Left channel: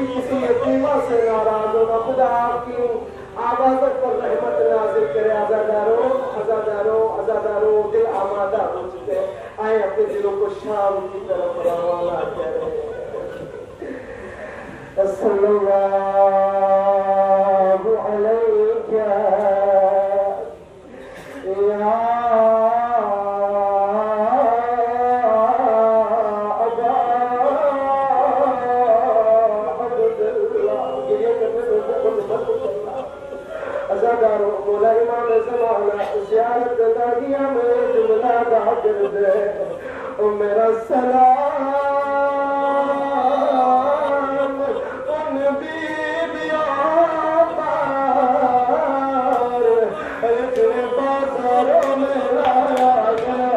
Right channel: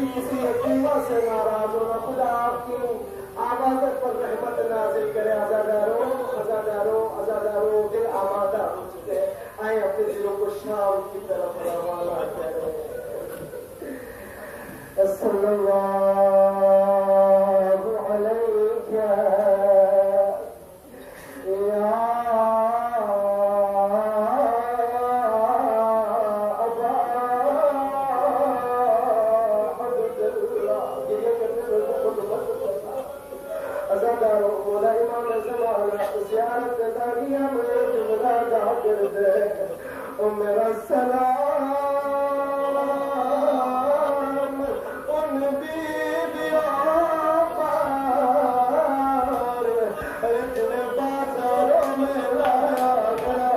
कभी किसी यतीमा से नाराज हो ना। खुदा आपकी आवाज़ों पर रहमत नाजिल करे। आज़ादारों आज़ादारों आज़ादारों दिल आमादा हो चुके हैं, आए अपने दिलों को शाम की तरफ रवाना करें। सल्लल्लाहु अलैहि या अबा अब्दुल्लाह। गिरिया करने में बहुत मत करना। अज़ादारों मौला इमाम ज़माना ज़ियारत दागिया में जुमला गा कर दे। ओ मेरा सलाम उन बीबियों पर जिन्हें बाजारों में लाया गया।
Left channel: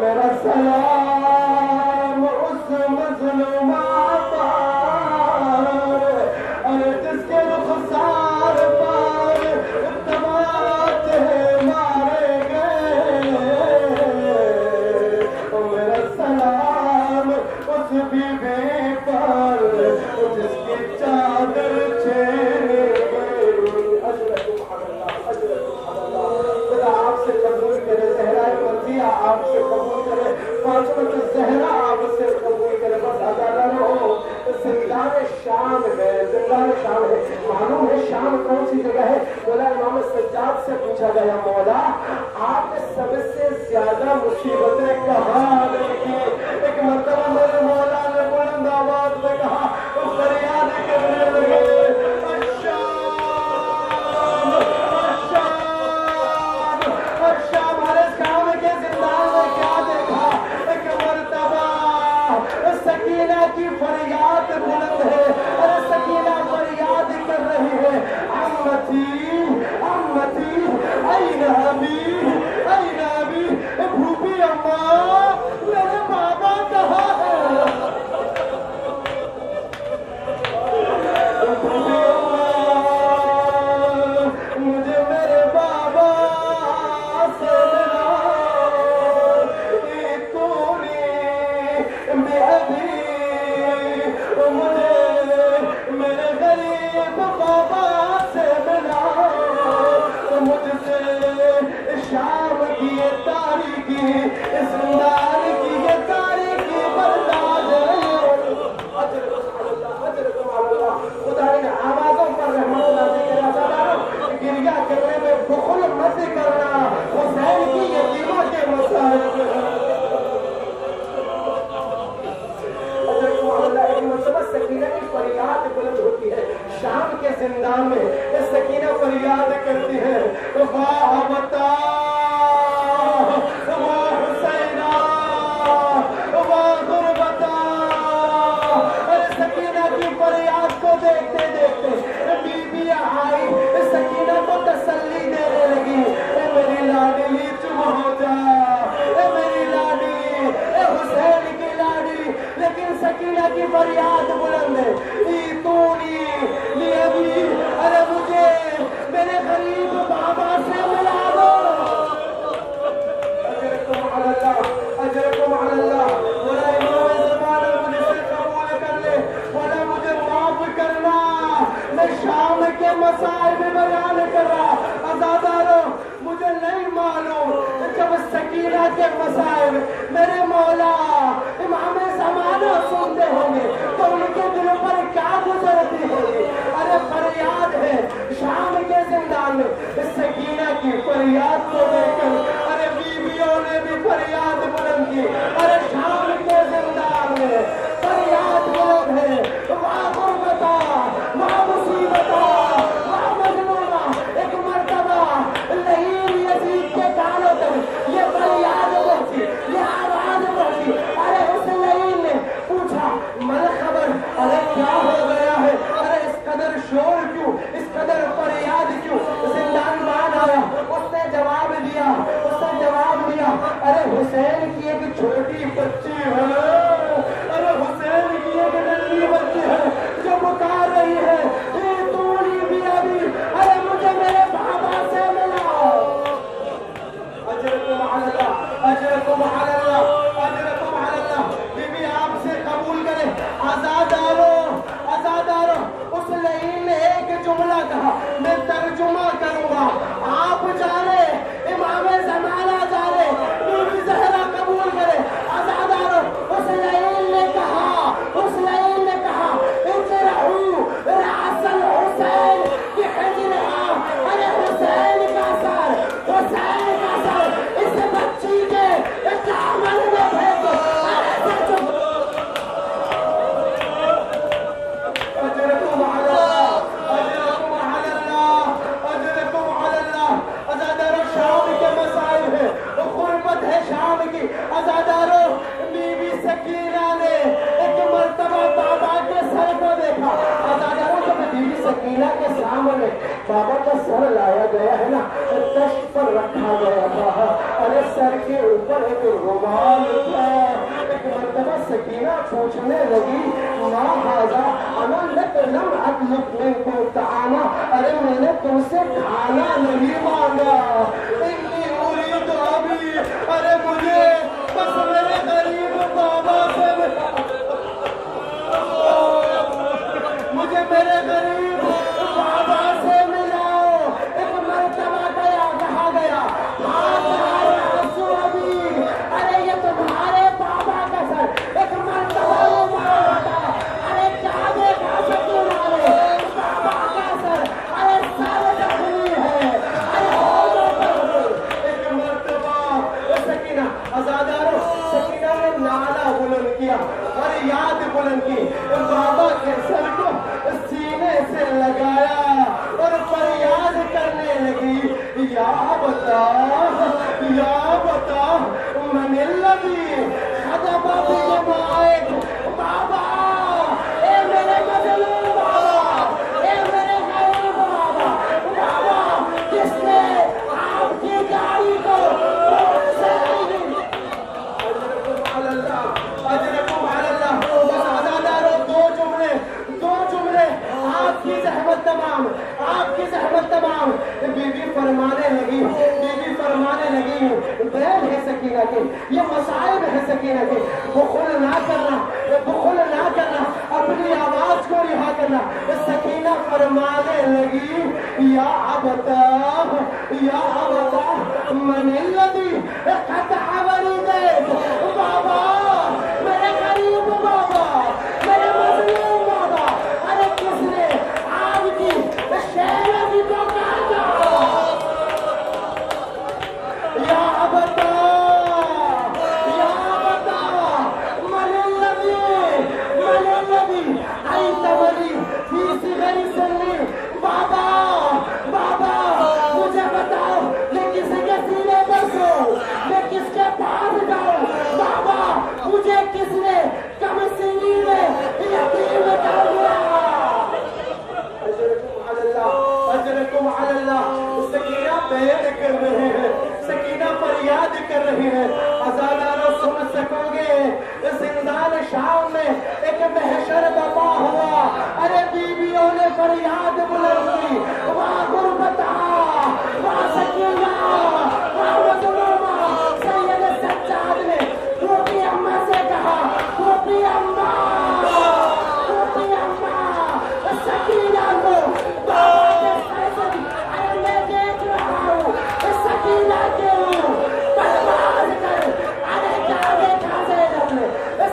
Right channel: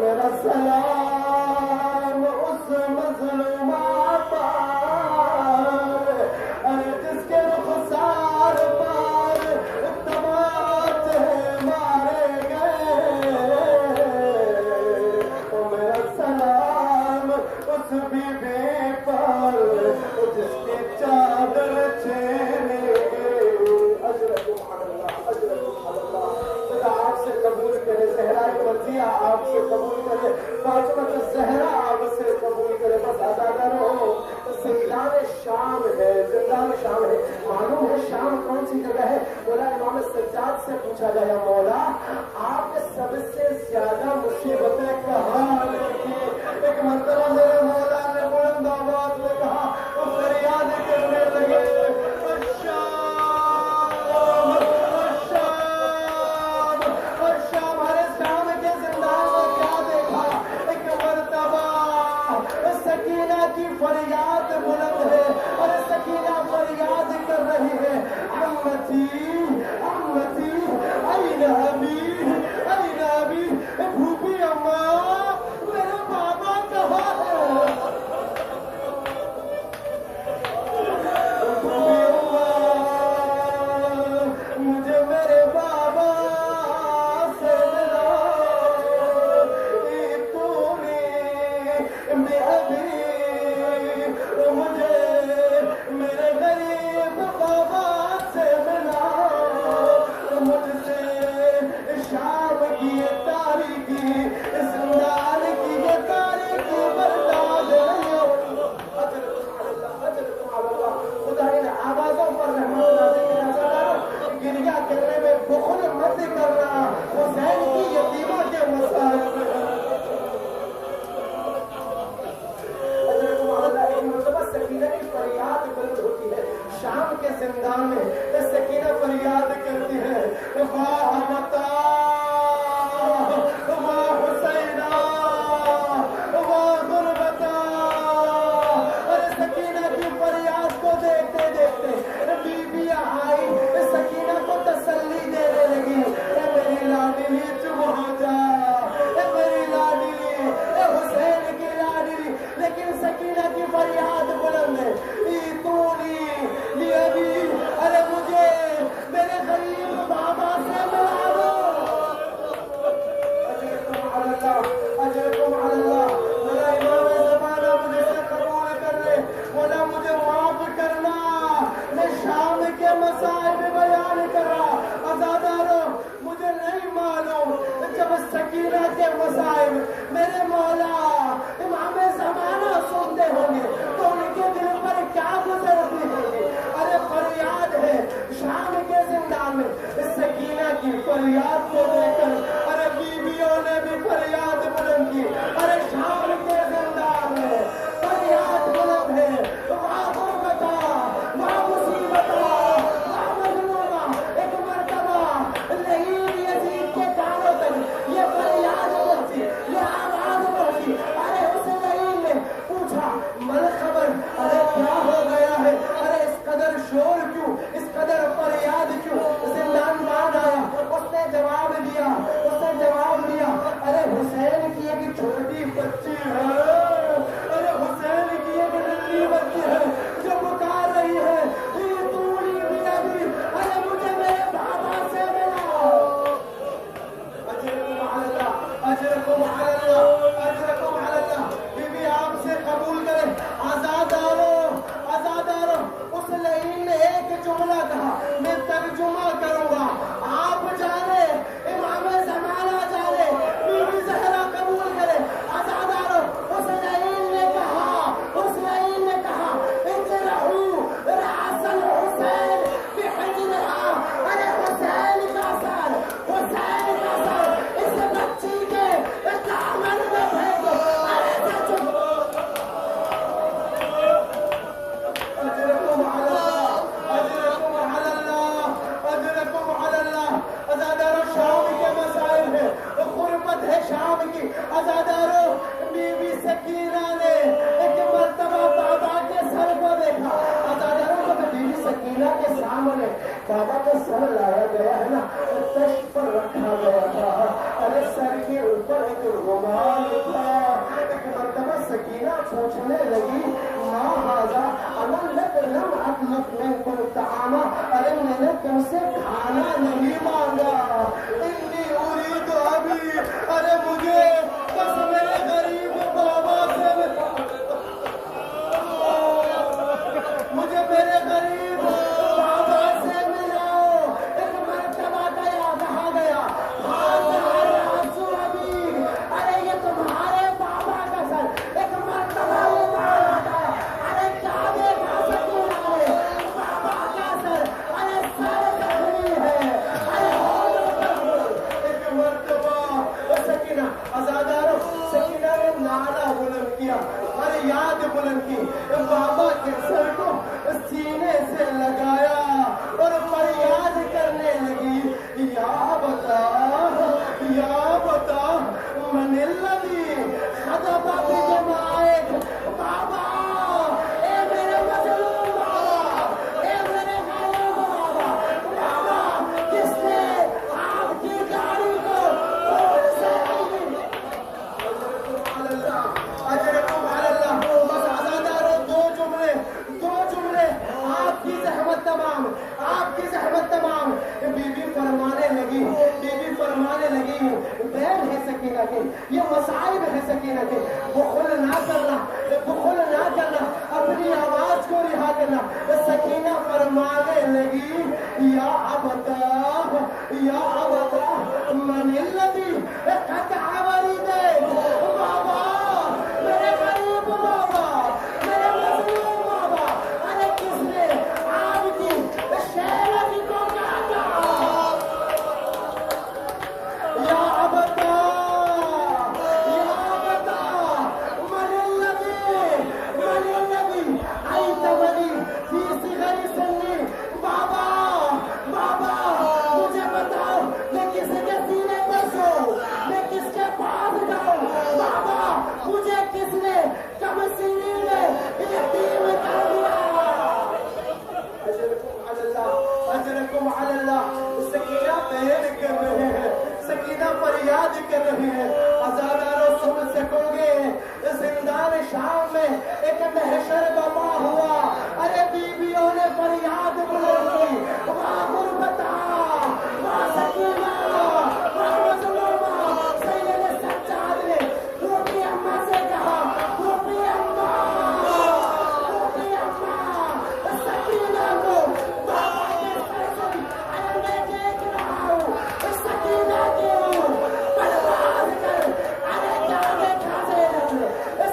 मेरा सलाम उस मज़लूमा पर जिसके रुख़सार पर तमाचे मारे गए। मेरा सलाम उस बीबी पर जिसकी चादर छीन गई। अजरकुम अल्लाह, अजरकुम अल्लाह। खुदा आपसे कबूल करे, ज़हरा मर्ज़िया आपसे कबूल करे, फातिमा ज़हरा आपसे कबूल करे। बस आज़ादारों ज़िंदान शाम है, ज़िंदान शाम है। मालूम है शाम कौन सी जगह है? मौला इमाम सज्जाद से पूछा गया, मौला आपने सबसे ज्यादा मुसीबतें कहाँ देखी? एक मरतबा मेरे मौला ने बुलंद आवाज में कहा, तो फरियाद करने लगे, अश्शाम अश्शाम अश्शाम। अरे शाम के जिंदान में क्या देखा? एक मरतबा सकीना की फरियाद बुलंद है। अरे सकीना फरियाद कर रही है, अम्मती अम्मती ऐन अबी ऐन अबी। भूपी अम्मा मेरे बाबा कहाँ है? भूपी अम्मा मुझे मेरे बाबा से मुझे मेरे गरीब बाबा से मिला। मुझसे शाम की ये तारीखी, जिंदान की ये तारीखी बर्दाश्त नहीं हो। खुदा इन आवाज़ों पर रहमत नाज़िल करे। आज़ादारों गिरिया करने में बुखल मत करना। हुसैन की यतीमा के मसाइब सकीना की फरियाद बुलंद होती है। शाम के जिंदान में सकीना फरियाद करती है, वाह बता वाह हुसैना वाह गुरबता। अरे सकीना की फरियाद को देखते देखते बीबियां आई, सकीना को तसल्ली देने लगी, मेरी लाडली चुप हो जा, मेरी लाडली हुसैन की लाडली। लेकिन सकीना की फरियाद बुलंद है, तूनी ली अभी। अरे मुझे मेरे गरीब बाबा से मिला दो। अजरकुम अल्लाह, अजरकुम अल्लाह। बोला इमाम ज़माना मुझसे कबूल कर ले, बोला मुझे माफ करना, मैं शाम के मसाइब बयान कर रहा। आज़ादारों मुझे नहीं मालूम जब सकीना के मसाइब मेरे मौला इमाम ज़माना सुनते होंगे तो उनके दिल पर क्या गुजरती होगी। अरे फरियाद है शाम के जिंदान में, सकीना की फरियाद को देखकर अरे बीवियों ने भी फरियाद बुलंद की। अरे शाम के जिंदान में फरियाद बुलंद है, वाह गुरबता वाह मुसीबता वाह मजलूमा। एक मर्तबा लहीम यजीद के कानों तक ये फरियाद पहुंची, ये आवाज पहुंची। अरे उस लहीम ने पूछा, मन खबर, अरे क्या हो गया है? अरे इस कदर शोर क्यों, इस कदर फरियाद क्यों? जिंदान मान आया, उसने जवाब दिया, अरे हुसैन की एक छोटी बच्ची है, अरे हुसैन की एक नन्ही बच्ची है जो पुकार रही है, तूड़ी भी अभी, अरे मुझे मेरे बाबा से मिलाओ। अजरकुम अल्लाह, अजरकुम अल्लाह, अजरकुम अल्लाह। बीबी बाबा का सर लाया गया है ना, तश्त पर रखा गया था। अरे सर के ऊपर एक रुमाल था। एक मर्तबा सकीना पूछने लगी, माँ हाजा अना लम अतलुब मिनकुम तामा, अरे मैंने तुमसे खाना नहीं मांगा। इन्नी उरीदु अभी, अरे मुझे बस मेरे गरीब बाबा से मुझे मेरे गरीब बाबा से मिलाओ। एक मर्तबा गया, कहा गया अभी, अरे ये तुम्हारे बाबा का सर। एक मर्तबा वो मारा था, अरे क्या देखा सकीना ने, बाबा का सर, अरे सर जख्मी है, अरे होठों पर। एक मर्तबा सकीना आजादारो, सकीना ने नाला बुलंद किया, फरियाद बुलंद की, बाबा के सर को सीने से लगाया और फरियाद करने लगी, या बता मनिल्लदी खदबा बिजमाइक, बाबा ए मेरे मजलूम बाबा, ए मेरे गरीब बाबा, बाबा किसने आपकी गाड़ी को खून से अजरकुम अल्लाह। बस आजादारो दो जुमले आपकी जहमत तमाम, आपकी जहमत तमाम। बीबी फरमाने लगी, बैल है सकीना के, ये मसाइब है सकीना के, बुखल ना करना, अपनी आवाज को रिहा करना। सकीना फरमाने लगी, या अबता मनिल्लदी खतअवरी दे, बाबा मेरे गरीब बाबा, मेरे मजलूम बाबा, अरे किसने आपकी शेरनी को काटा? या बता मनिल्लदी आई तमली फी गरी सन्नी, बाबा मुझे बताओ, मैं किसके सीने पर सोऊं, मैं किसके पास जाऊं? बाबा मुझे किसने कम सीनी में यतीम कर दिया? अजरकुम अल्लाह। सकीना बयान कर रहे हैं, सकीना फरियाद कर रही है। आजादारो सुन सकोगे, जिंदान शाम में एक महशर बपा हुआ। अरे बीवियों ने फरियाद बुलंद की, वाह गुरबता, वाह सकीना, वाह मजलूमा। सैयद सज्जाद ने टोपी अम्मा से कहा, टोपी अम्मा, सकीना को बाबा के सर से, अरे मैं देख रहा हूँ सकीना के परवाज कर। अरे क्या देखा ज़ैनब ने,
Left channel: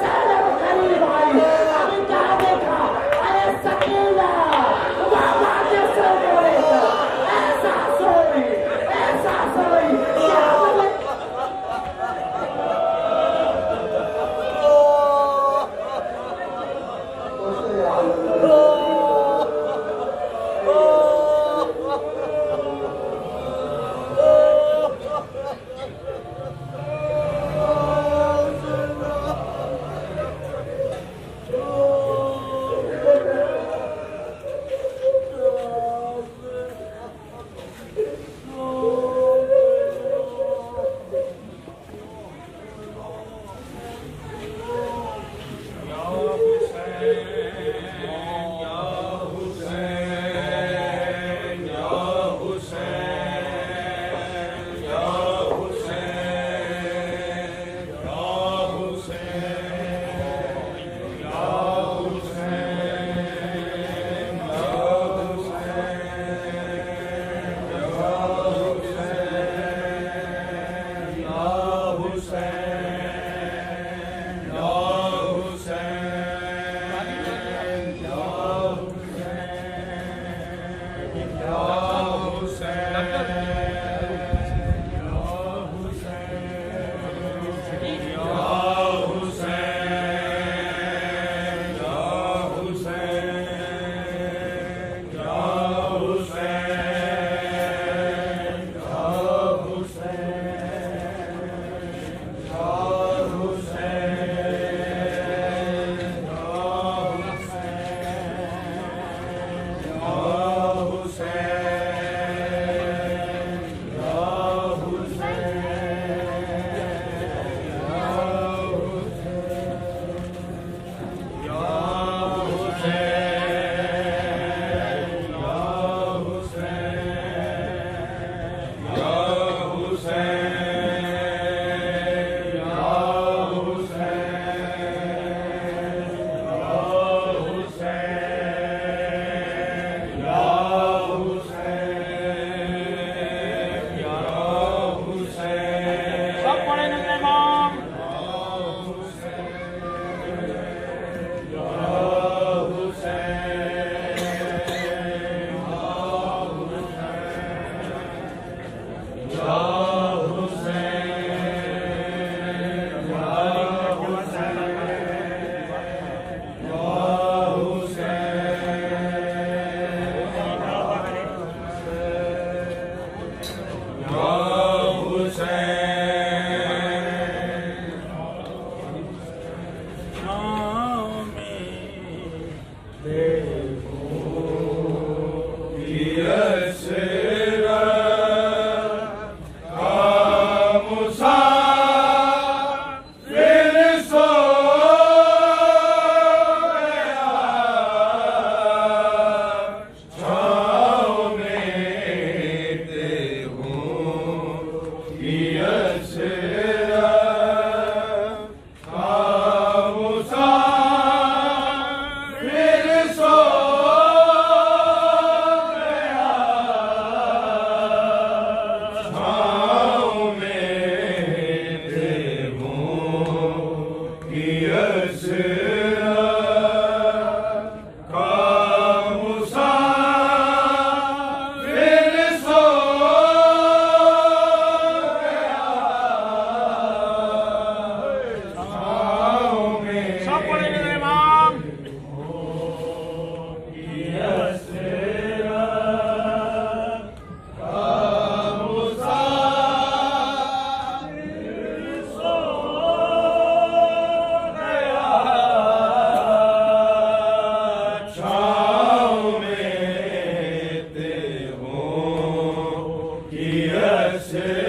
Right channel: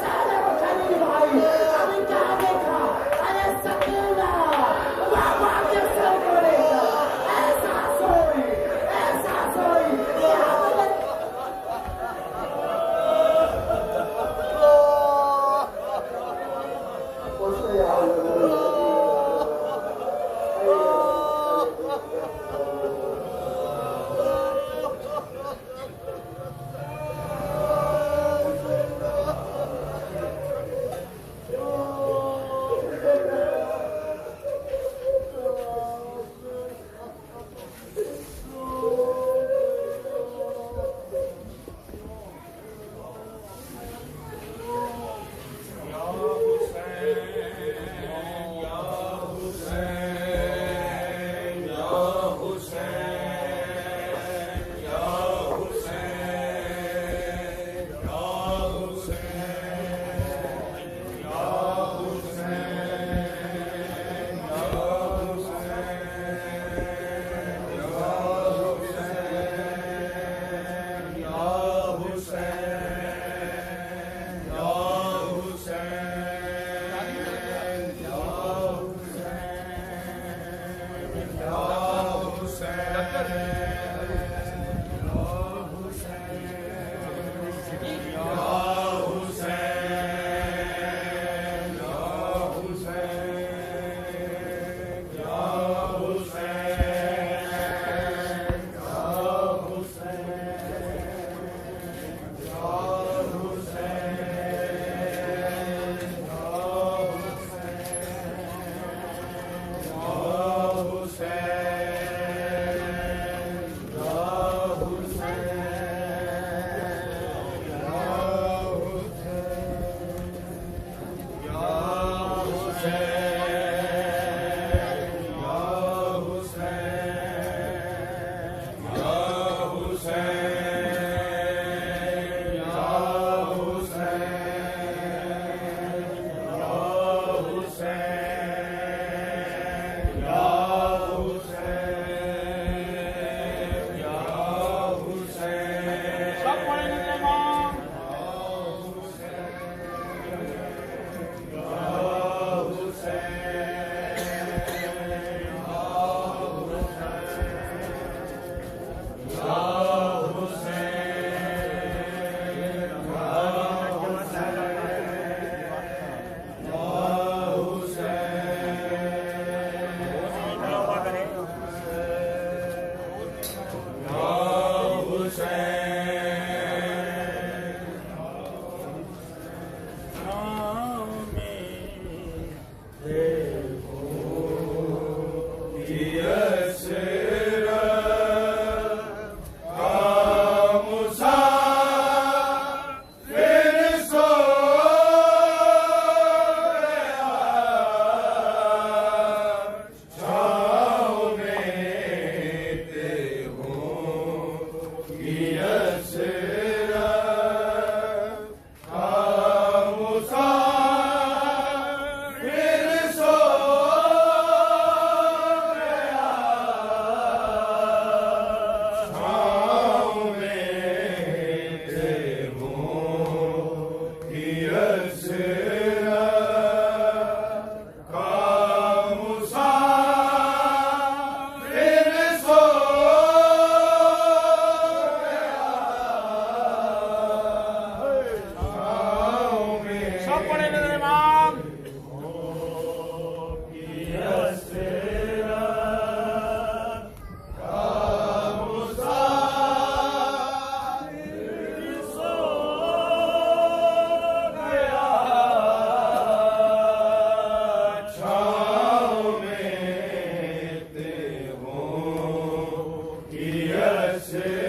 ज़ैनब खलील भाई, अभी क्या देखा? अरे सकीना बाबा के सर को लेकर ऐसा सोई, Give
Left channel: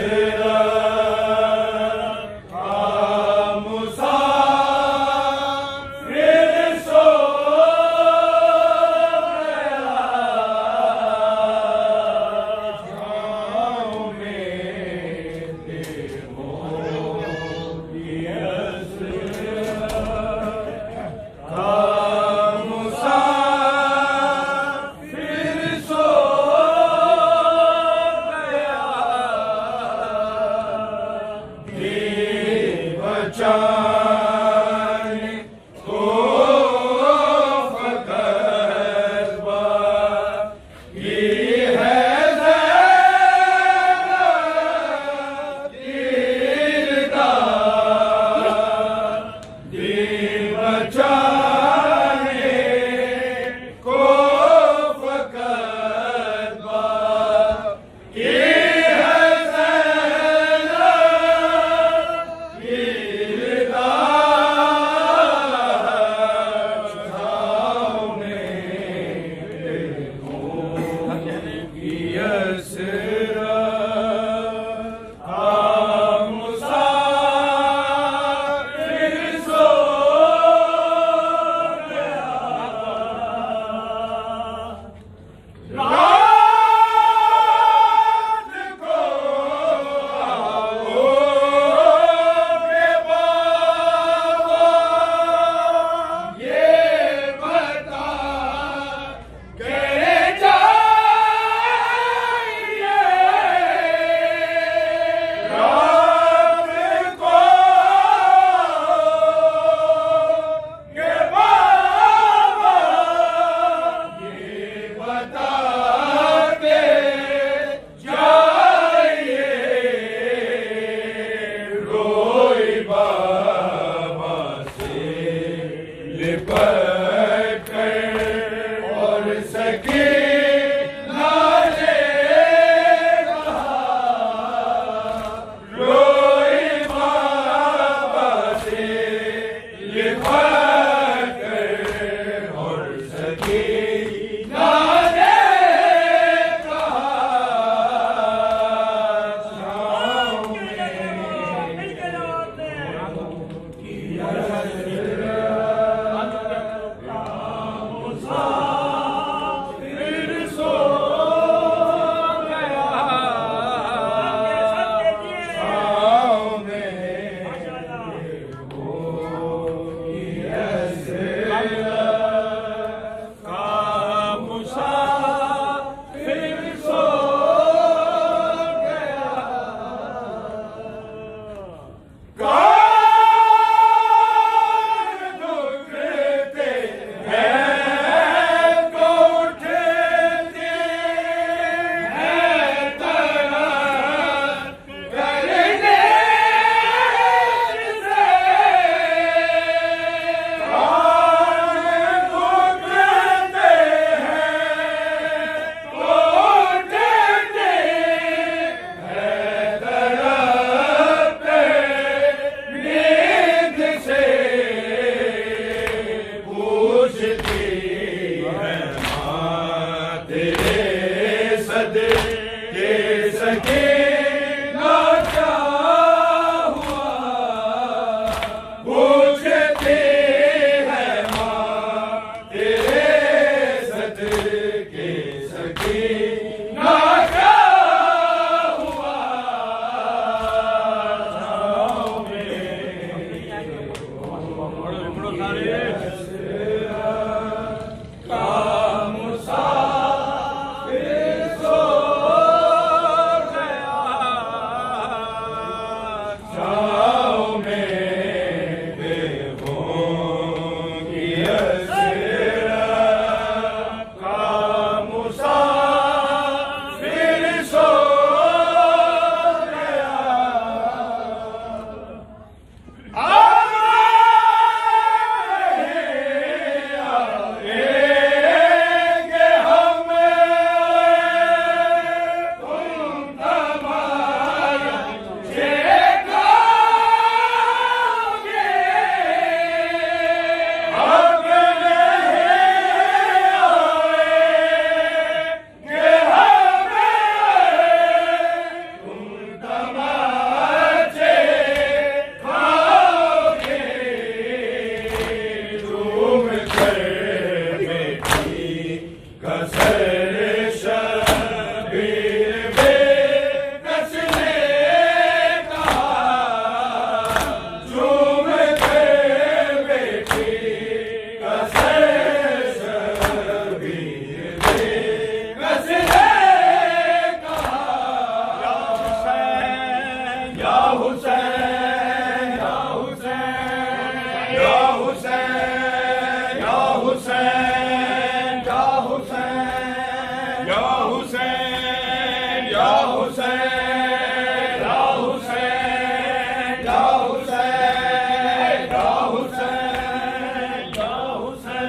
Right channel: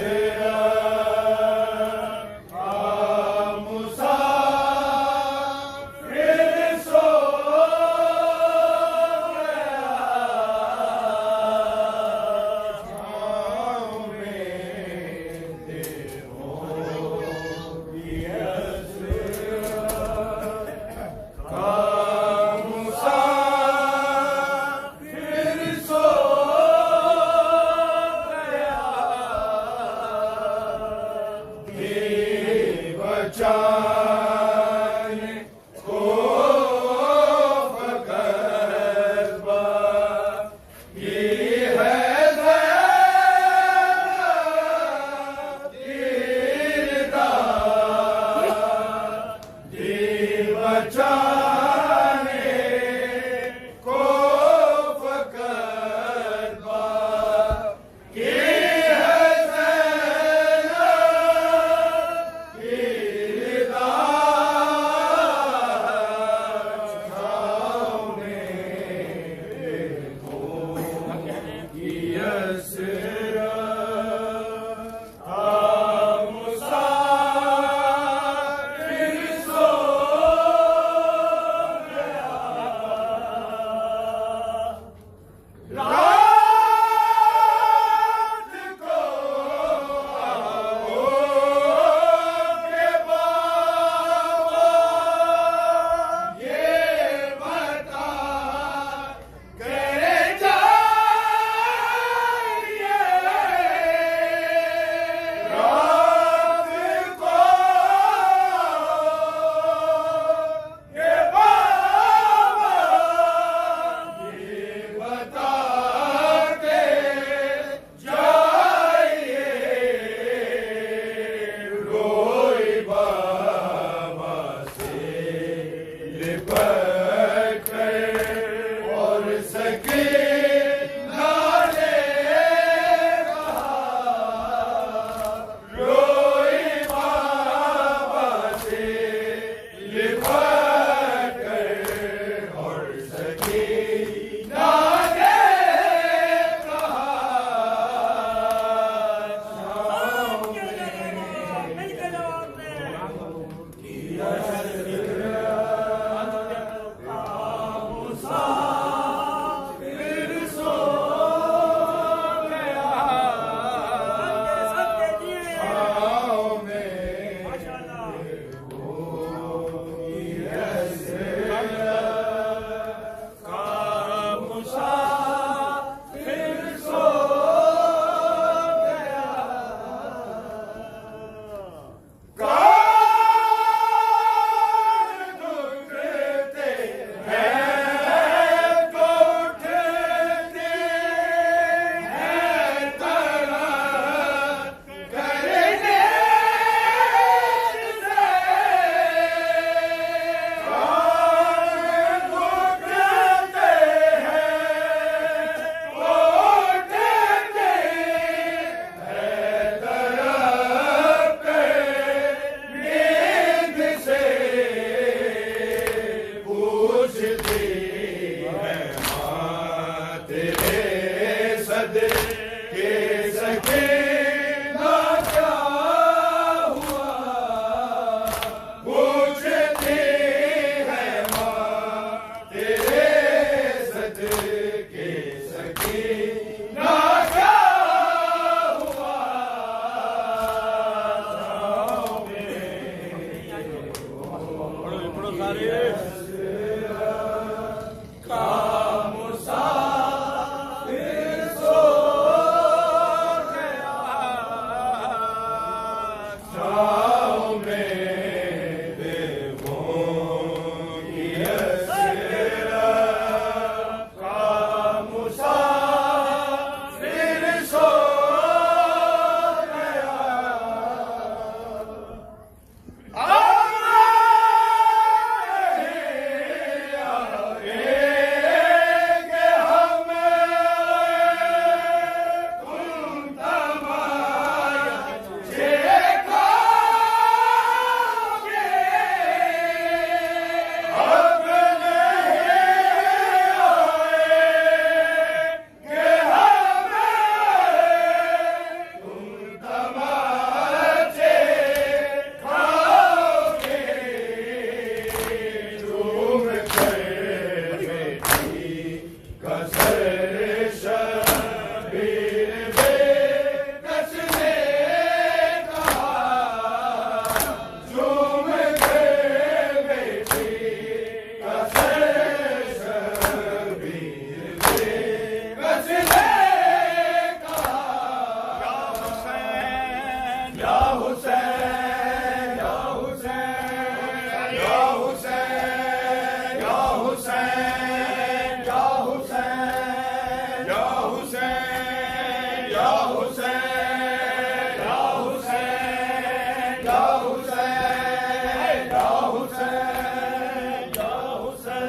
हुसैन या हुसैन या हुसैन या हुसैन या हुसैन या हुसैन या हुसैन या हुसैन या हुसैन या हुसैन या हुसैन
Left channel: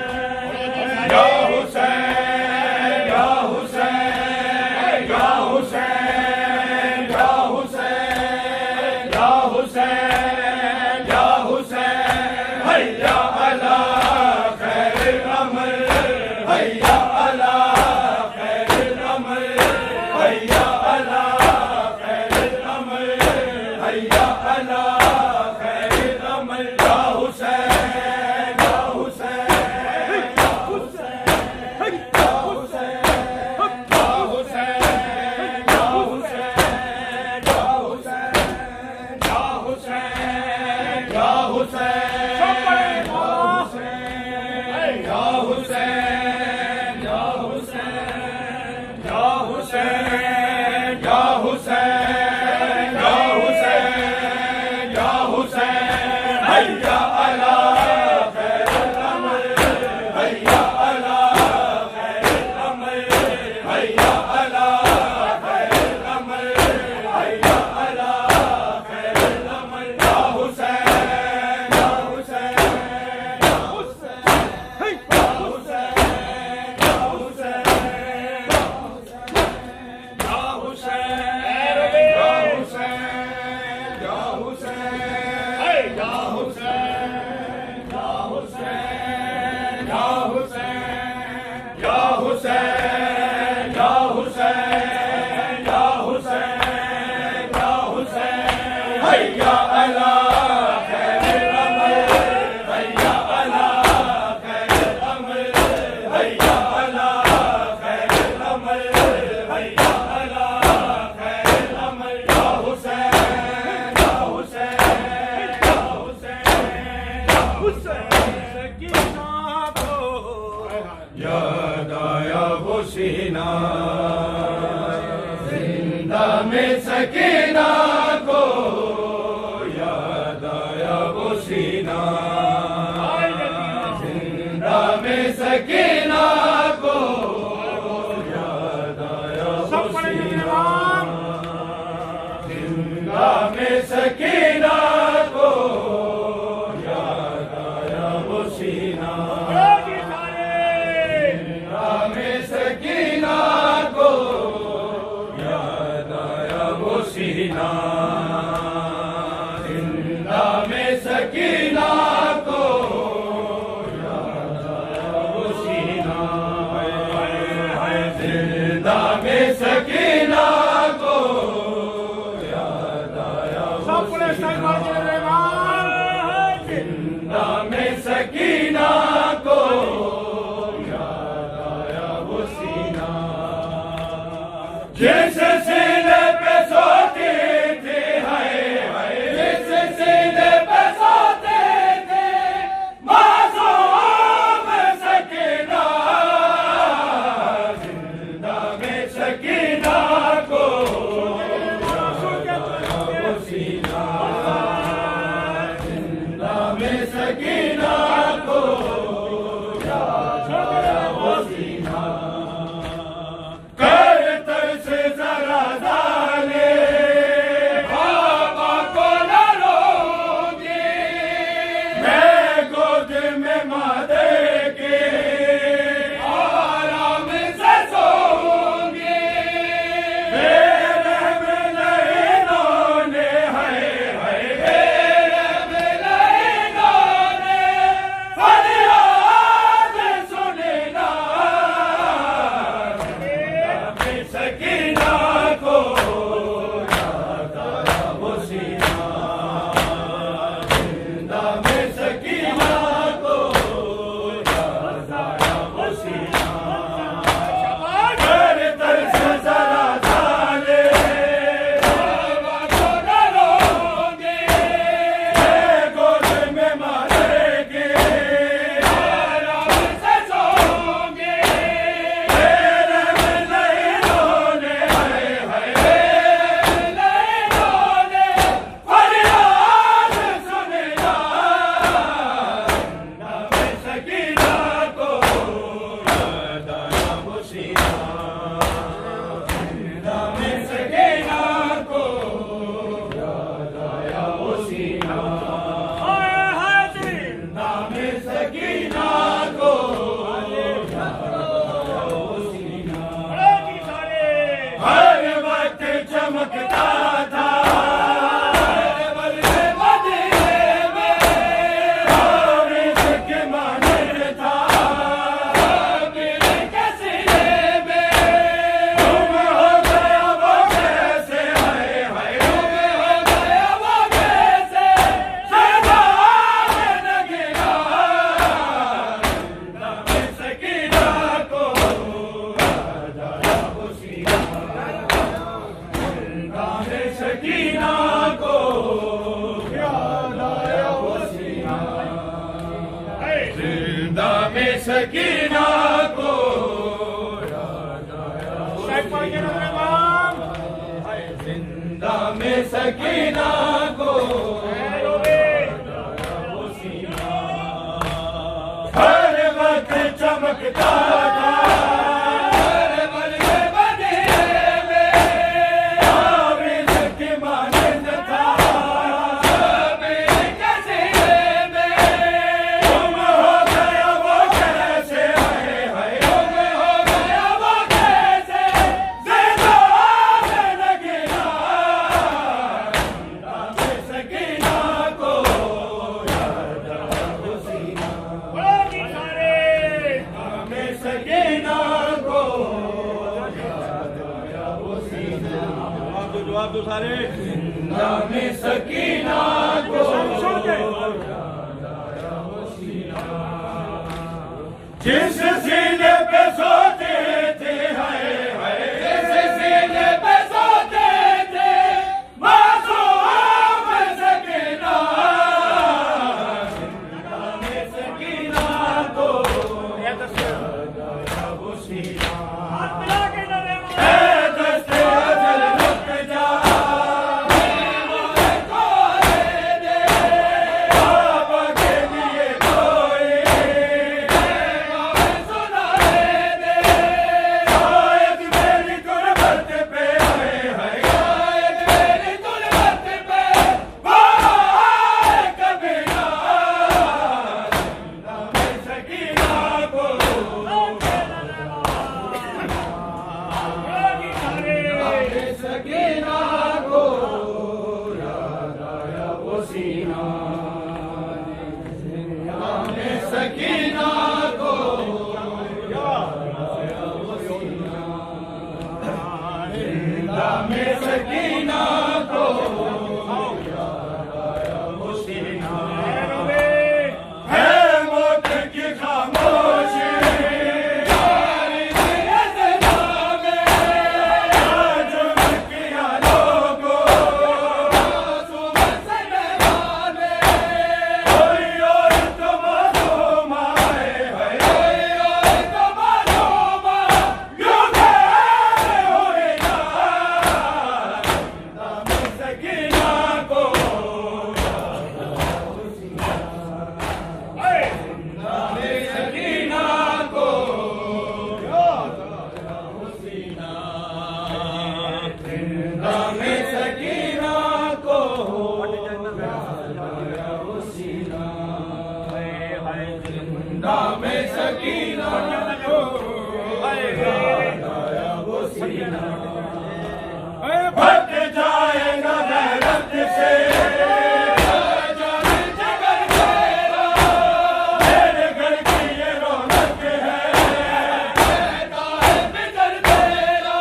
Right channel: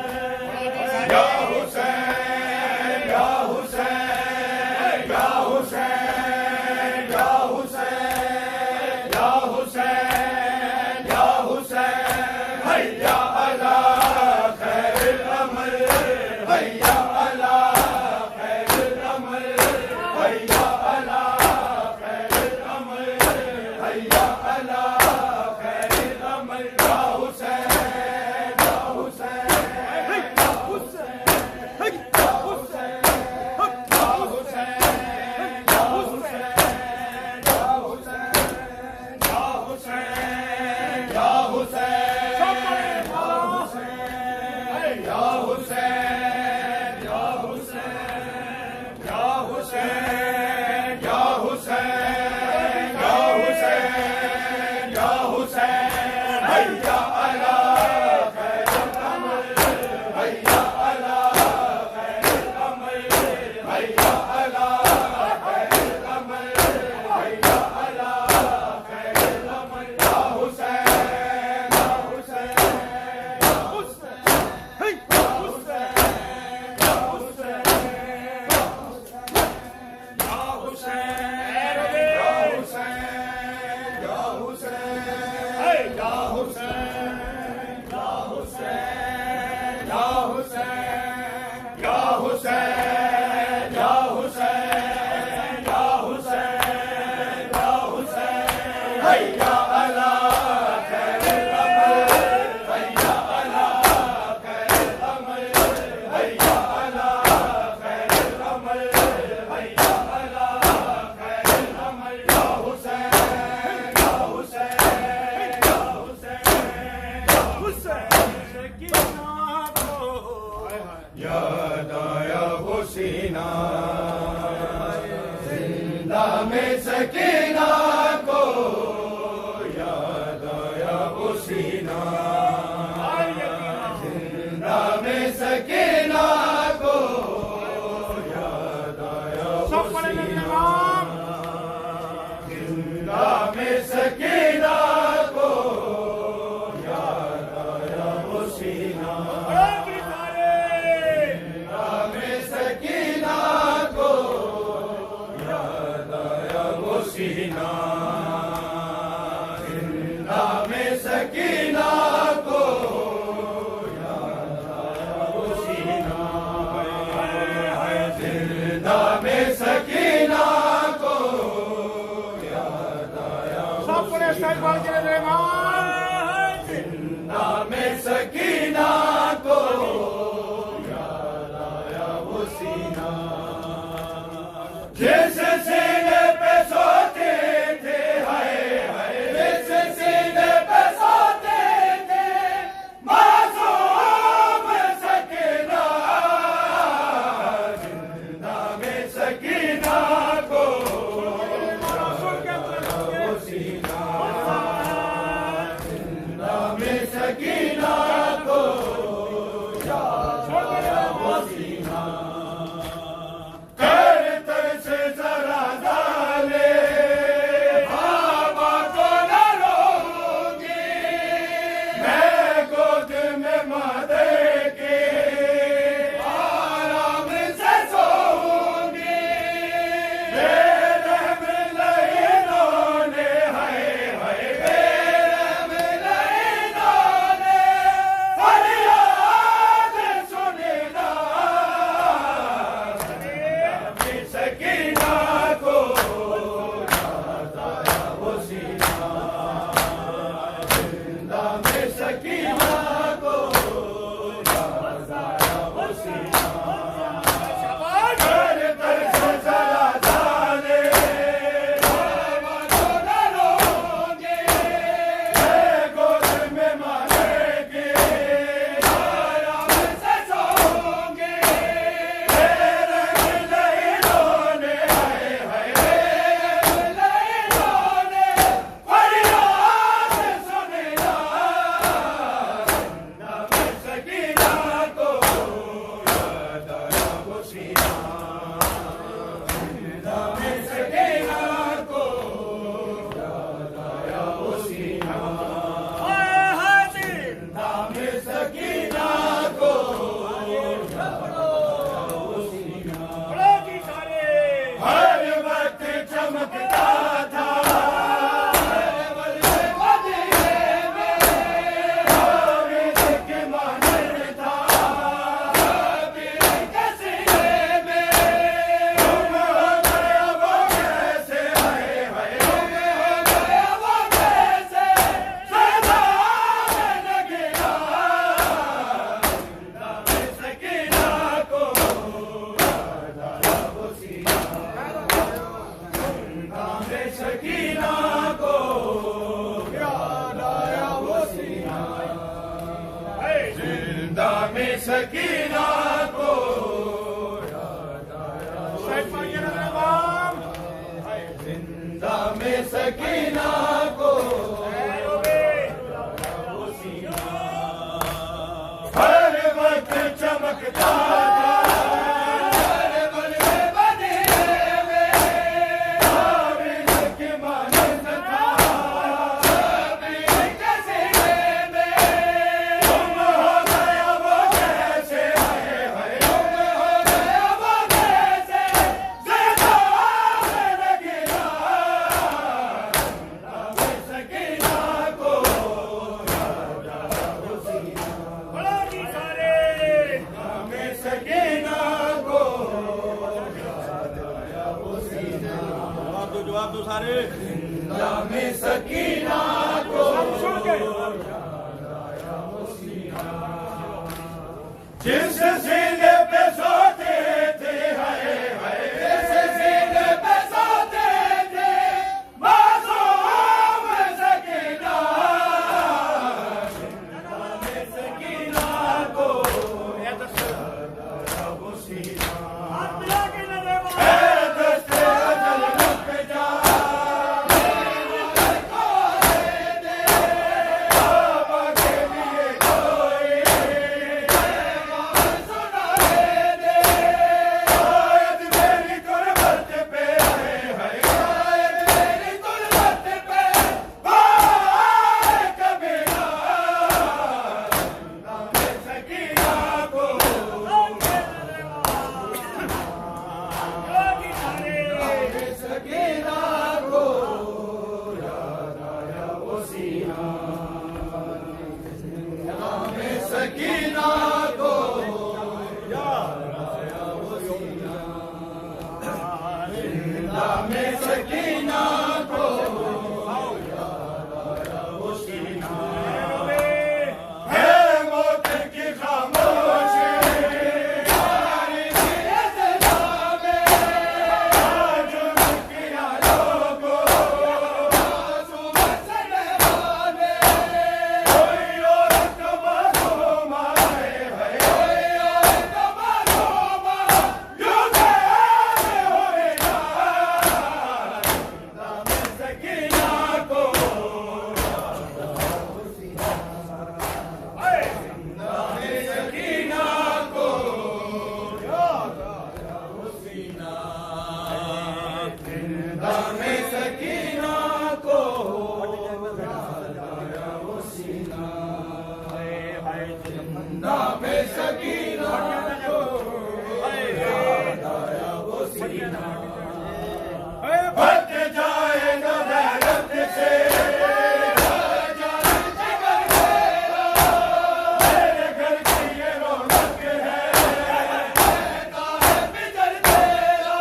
या हुसैन या हुसैन या हुसैन या हुसैन या हुसैन या हुसैन हैया अला खैरुल अमल हैया अला खैरुल अमल हैया अला खैरुल अमल हैया अला खैरुल अमल या हुसैन या हुसैन या हुसैन या हुसैन या हुसैन या हुसैन या हुसैन या हुसैन या हुसैन या हुसैन या हुसैन या हुसैन या हुसैन या हुसैन या हुसैन हैया अला खैरुल अमल हैया अला खैरुल अमल हैया अला खैरुल अमल हैया अला खैरुल अमल या हुसैन या हुसैन या हुसैन या हुसैन या हुसैन या हुसैन या हुसैन या हुसैन या हुसैन या हुसैन या हुसैन या हुसैन या हुसैन या हुसैन या हुसैन हैया अला खैरुल अमल हैया अला खैरुल अमल हैया अला खैरुल अमल हैया अला खैरुल अमल या हुसैन या हुसैन या हुसैन या हुसैन सकीना को याद आया वो सीना जिंदा में सकीना को याद आया वो सीना जिंदा में सकीना को याद आया वो सीना जिंदा में सकीना को याद आया वो सीना जिंदा में सकीना को याद आया वो सीना जिंदा में सकीना को याद आया वो सीना जिंदा में सकीना को याद आया वो सीना जिंदा में सकीना को याद आया वो सीना जैसे सीने पे सोते थे हाय हाय जैसे सीने पे सोते थे मासूम सकीना जिंदा में सकीना को वो सीना जिंदा में सकीना को में सकीना को हर वक्त चमकता था हर पल के बदले में आबिद की मानंद था आबिद के सीने में गुम हो गया वो कैसे हाय हाय गुम हो गया वो कैसे जिंदा में लगना में सकीना को राजा हुसीना में सकीना को जवाब दो सारे में सकीना को जिस सीने पे सोते थे हाय हाय जिस सीने पे सोते थे मासूम सकीना में सकीना को दस्ते अजल रुक जा बाबा के लिए कोई सुना दे आयत मेरी गुरबत पे है आयत मेरी गुरबत पे भाई कभी ना में सकीना को सकीना को याद आया वो सीना में सकीना को याद आया वो सीना में सकीना को याद आया वो सीना है मौत की खामोशी भट जाएगा गैरत से मेरे घर की ये रौनक है बिजर तेरा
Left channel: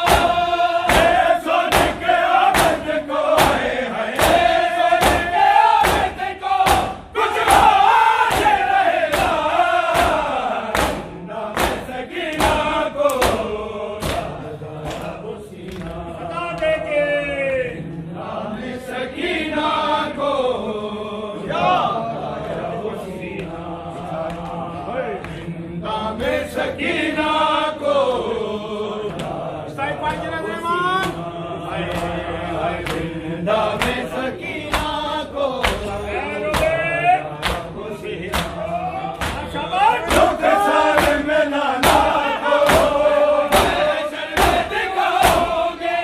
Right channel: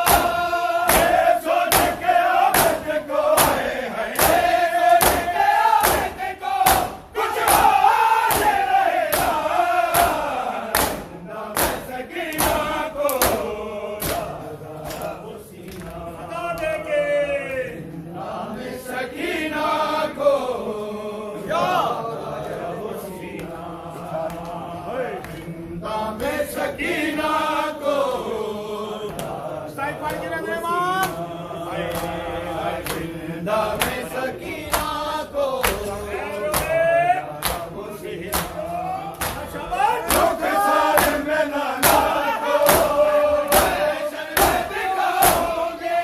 ये सोच के आबिद को है सोच के आबिद को कुछ आज रहेगा नाम सकीना को सकीना को जिंदा में सकीना को जिंदा में सकीना को दुख सार में लाना को दिखाओगे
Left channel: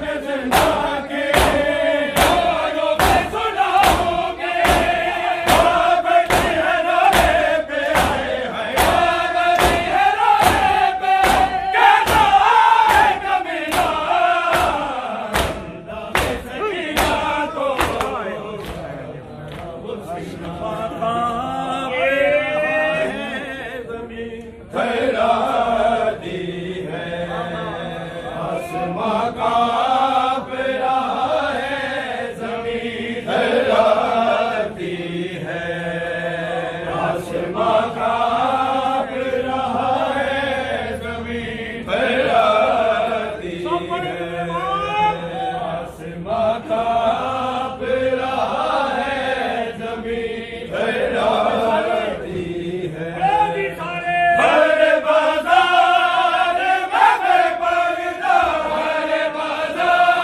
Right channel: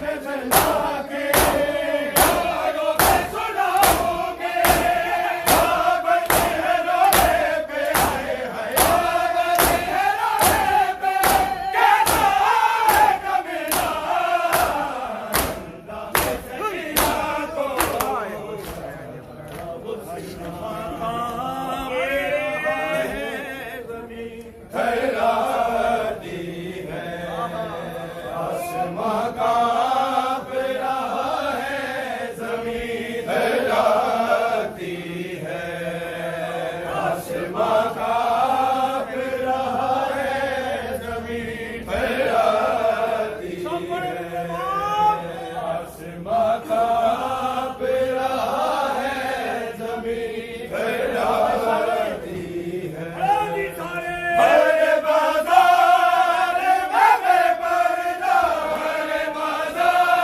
में जिंदा के सुनाओगे बैठी है रोने पे हाय हाय बैठी है रोने पे कैसा है कमीना में सकीना को ठहराती है आसमां कांप रहा है ज़मीन ठहराती है आसमां कांप रहा है ज़मीन ठहराती है आसमां कांप रहा है ज़मीन ठहराती है हर बाजार में बेपर्दा हर बाजार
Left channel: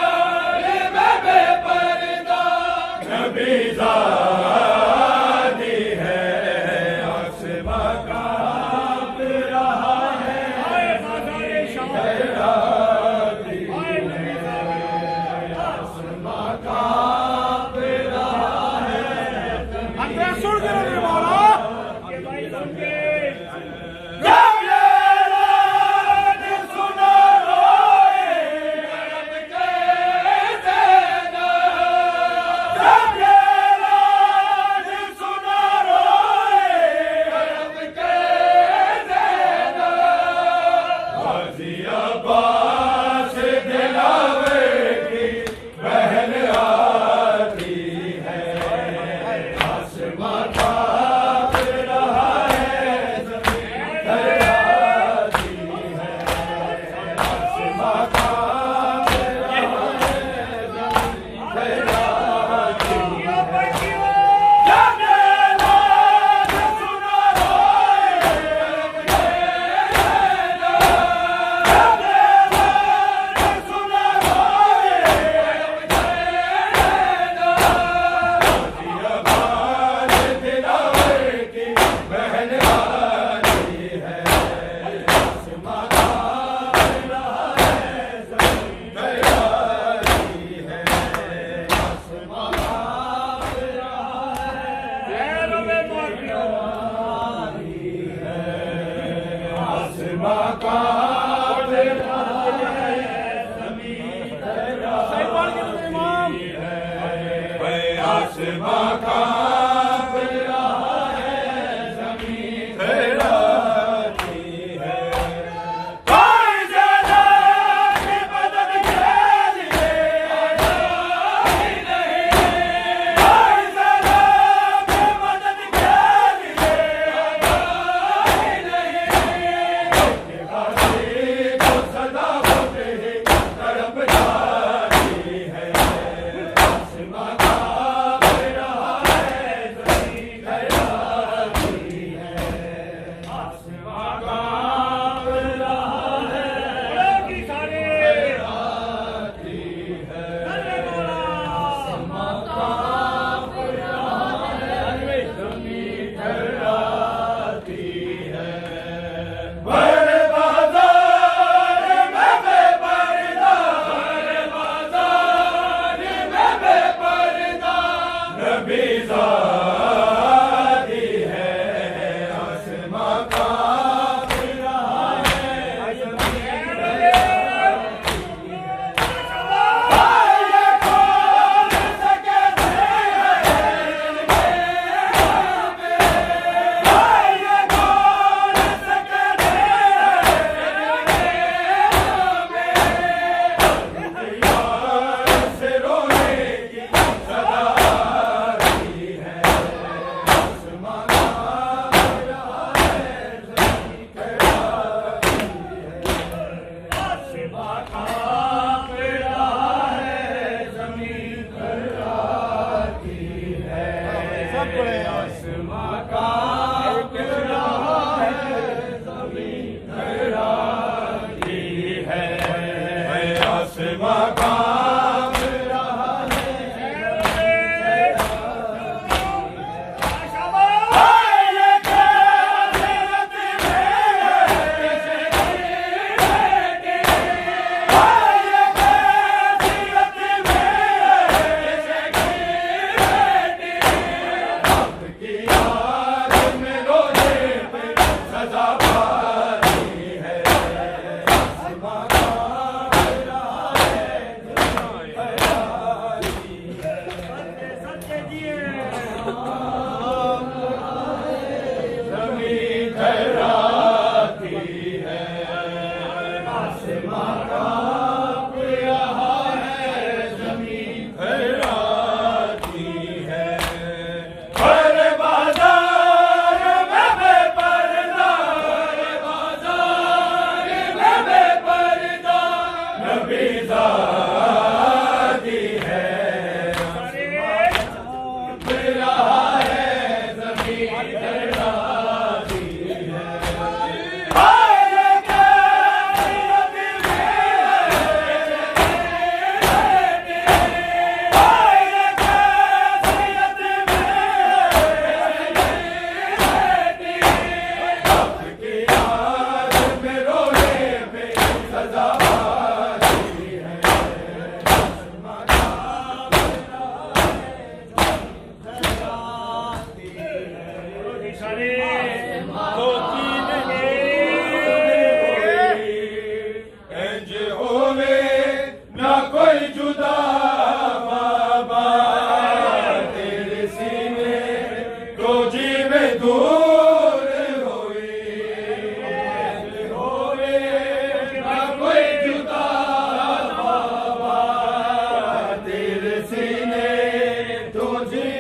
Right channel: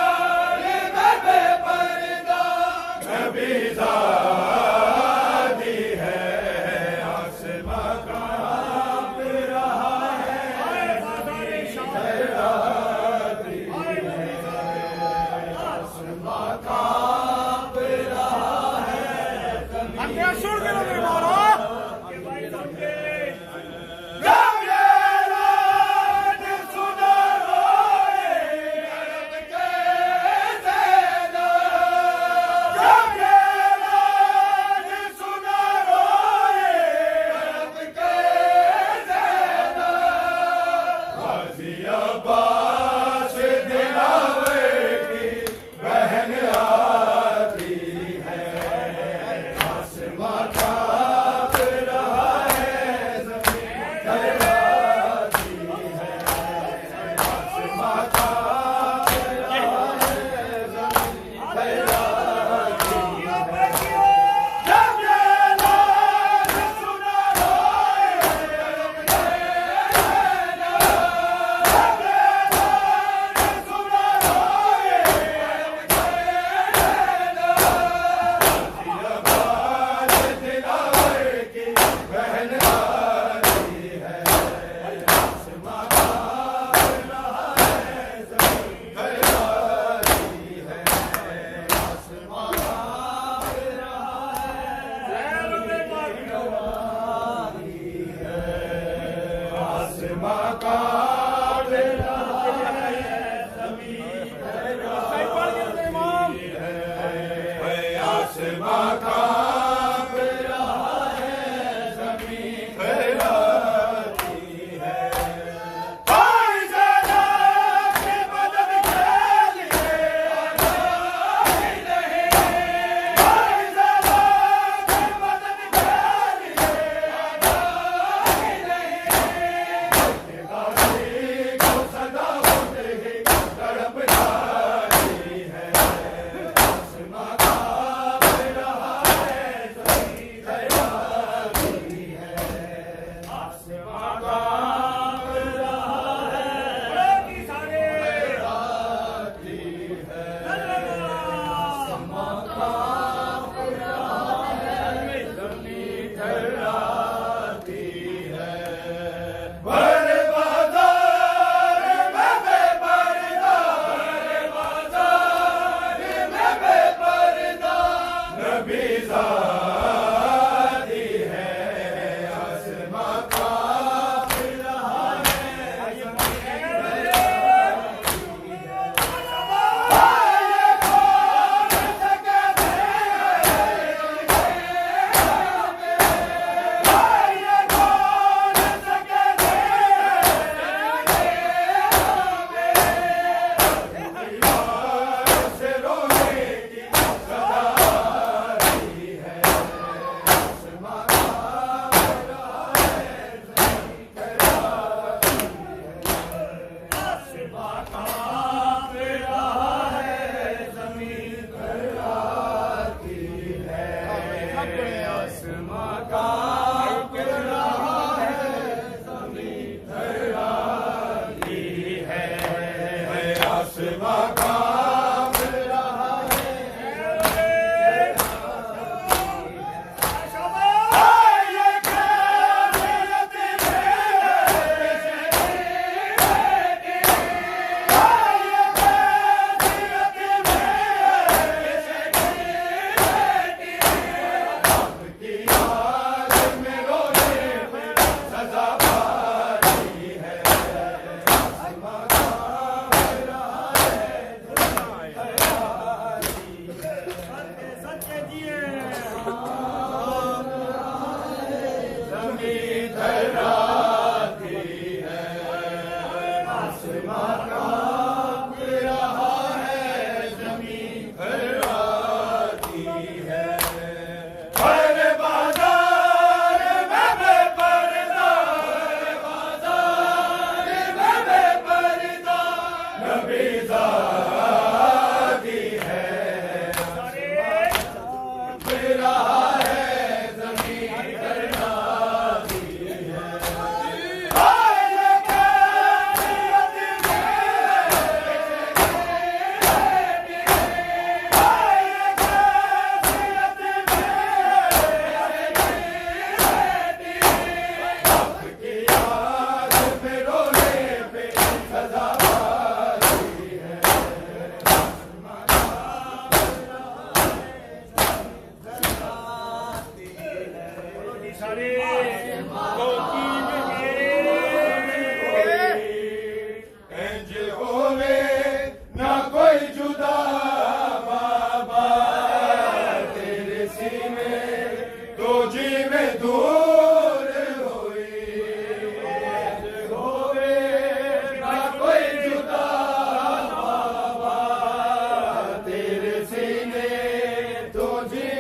जी